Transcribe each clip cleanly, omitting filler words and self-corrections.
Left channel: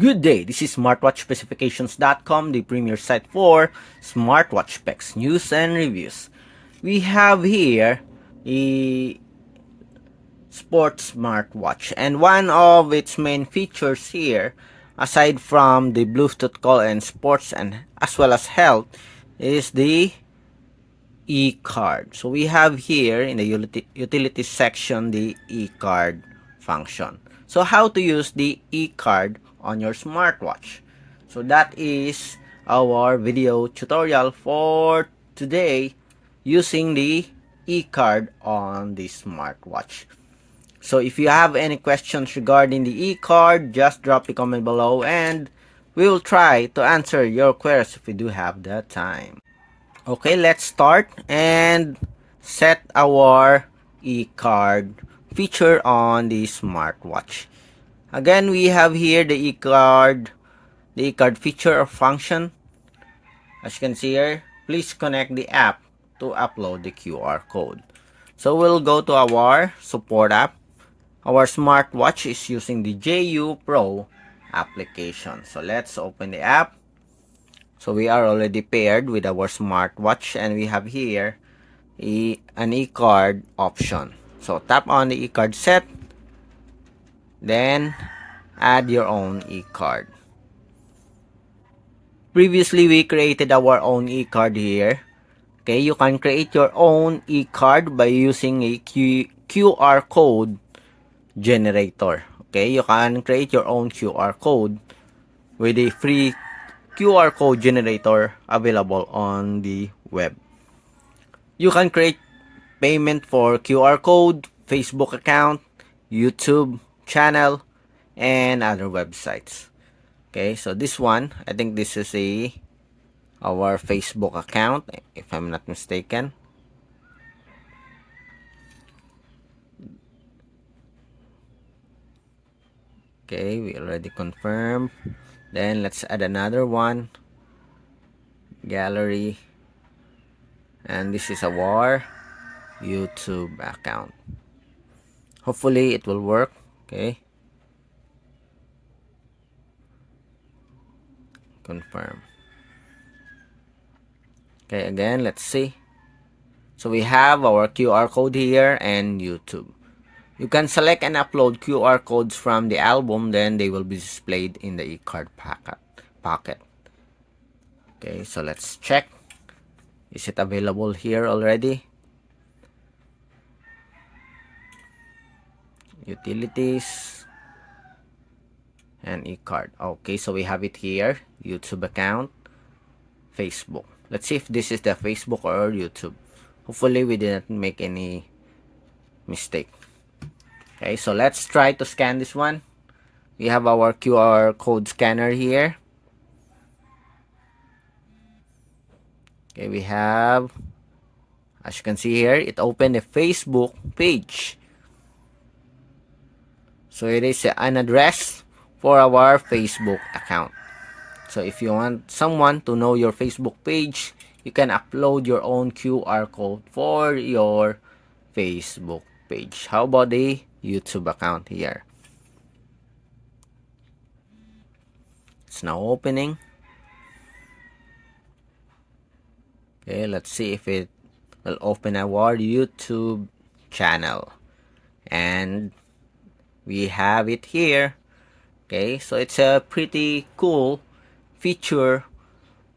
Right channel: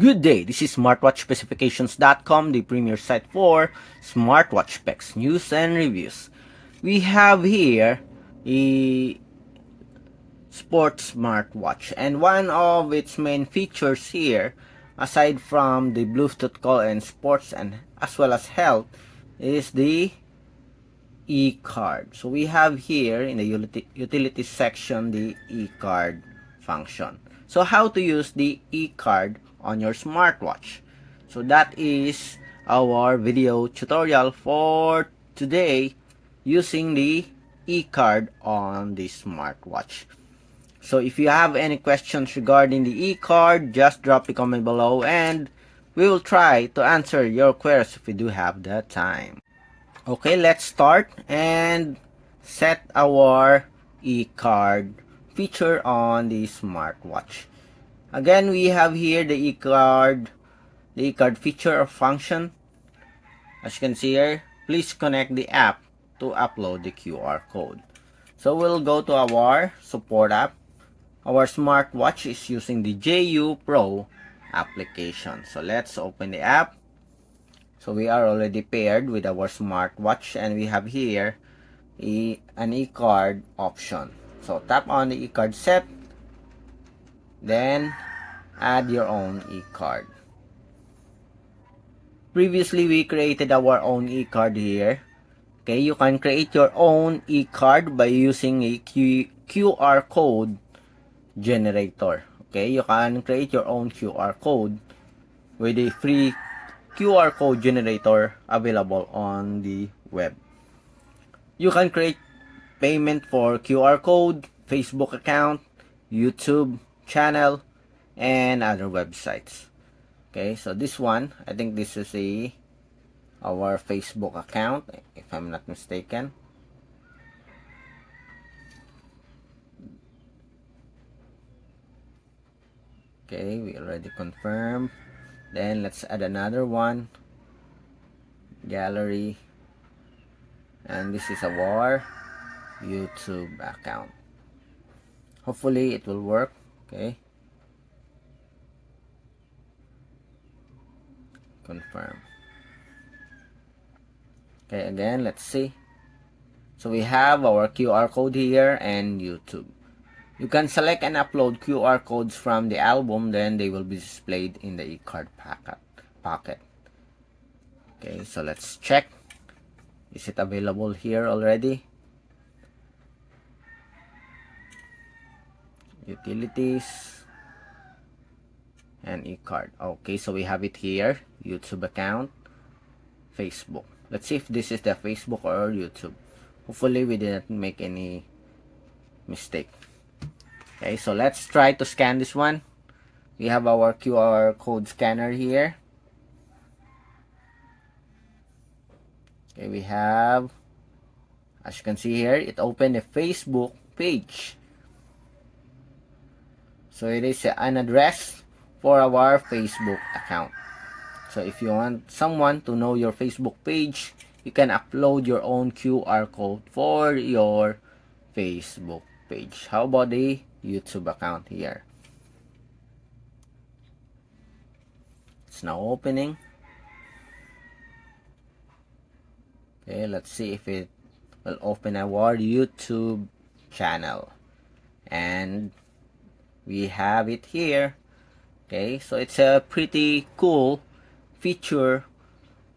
Good day, this is smartwatchspecifications.com, the premier site for smartwatch specs, news, and reviews. We have here a sports smartwatch, and one of its main features here, aside from the Bluetooth call and sports and as well as health, is the eCard. So we have here in the utilities section the eCard function. So how to use the eCard on your smartwatch? So that is our video tutorial for today using the eCard on the smartwatch. So if you have any questions regarding the eCard, just drop a comment below and we will try to answer your queries if we do have the time. Okay, let's start and set our eCard feature on the smartwatch. Again, we have here the eCard feature or function. As you can see here, please connect the app to upload the QR code. So we'll go to our support app. Our smartwatch is using the JU Pro application. So let's open the app. So we are already paired with our smartwatch and we have here an eCard option. So tap on the eCard set, then add your own eCard. Previously, we created our own eCard here. Okay, you can create your own eCard by using a QR code generator. Okay, you can create your own QR code with a free QR code generator available on the web. You can create payment for QR code, Facebook account, YouTube channel, and other websites. Okay, so this one, I think this is our Facebook account, if I'm not mistaken. Okay, we already confirmed. Then let's add another one, gallery, and this is our YouTube account. Hopefully it will work. Okay, confirm. Okay, again, let's see. So we have our QR code here and YouTube. You can select and upload QR codes from the album, then they will be displayed in the eCard pocket. Okay, so let's check. Is it available here already? Utilities and eCard. Okay, so we have it here. YouTube account, Facebook. Let's see if this is the Facebook or YouTube. Hopefully we didn't make any mistake. Okay, so let's try to scan this one. We have our QR code scanner here. Okay, we have, as you can see here, it opened a Facebook page. So it is an address for our Facebook account. So if you want someone to know your Facebook page, you can upload your own QR code for your Facebook page. How about the YouTube account here? It's now opening. Okay, let's see if it will open our YouTube channel. And we have it here. Okay, so it's a pretty cool feature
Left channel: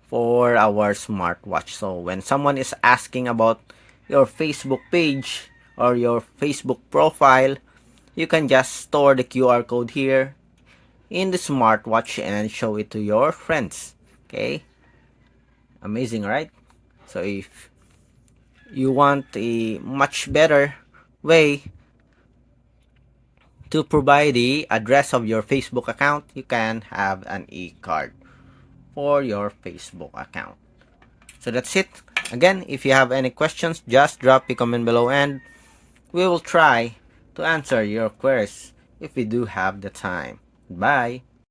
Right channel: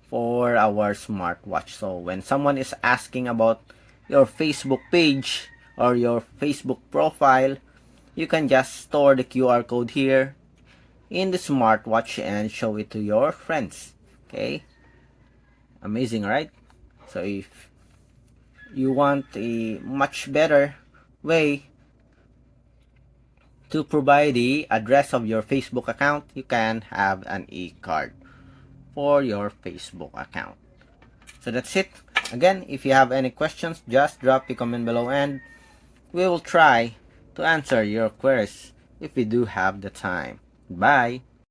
for our smartwatch. So when someone is asking about your Facebook page or your Facebook profile, you can just store the QR code here in the smartwatch and show it to your friends. Okay, amazing, right? So if you want a much better way to provide the address of your Facebook account, you can have an eCard for your Facebook account. So that's it. Again, if you have any questions, just drop a comment below and we will try to answer your queries if we do have the time. Bye.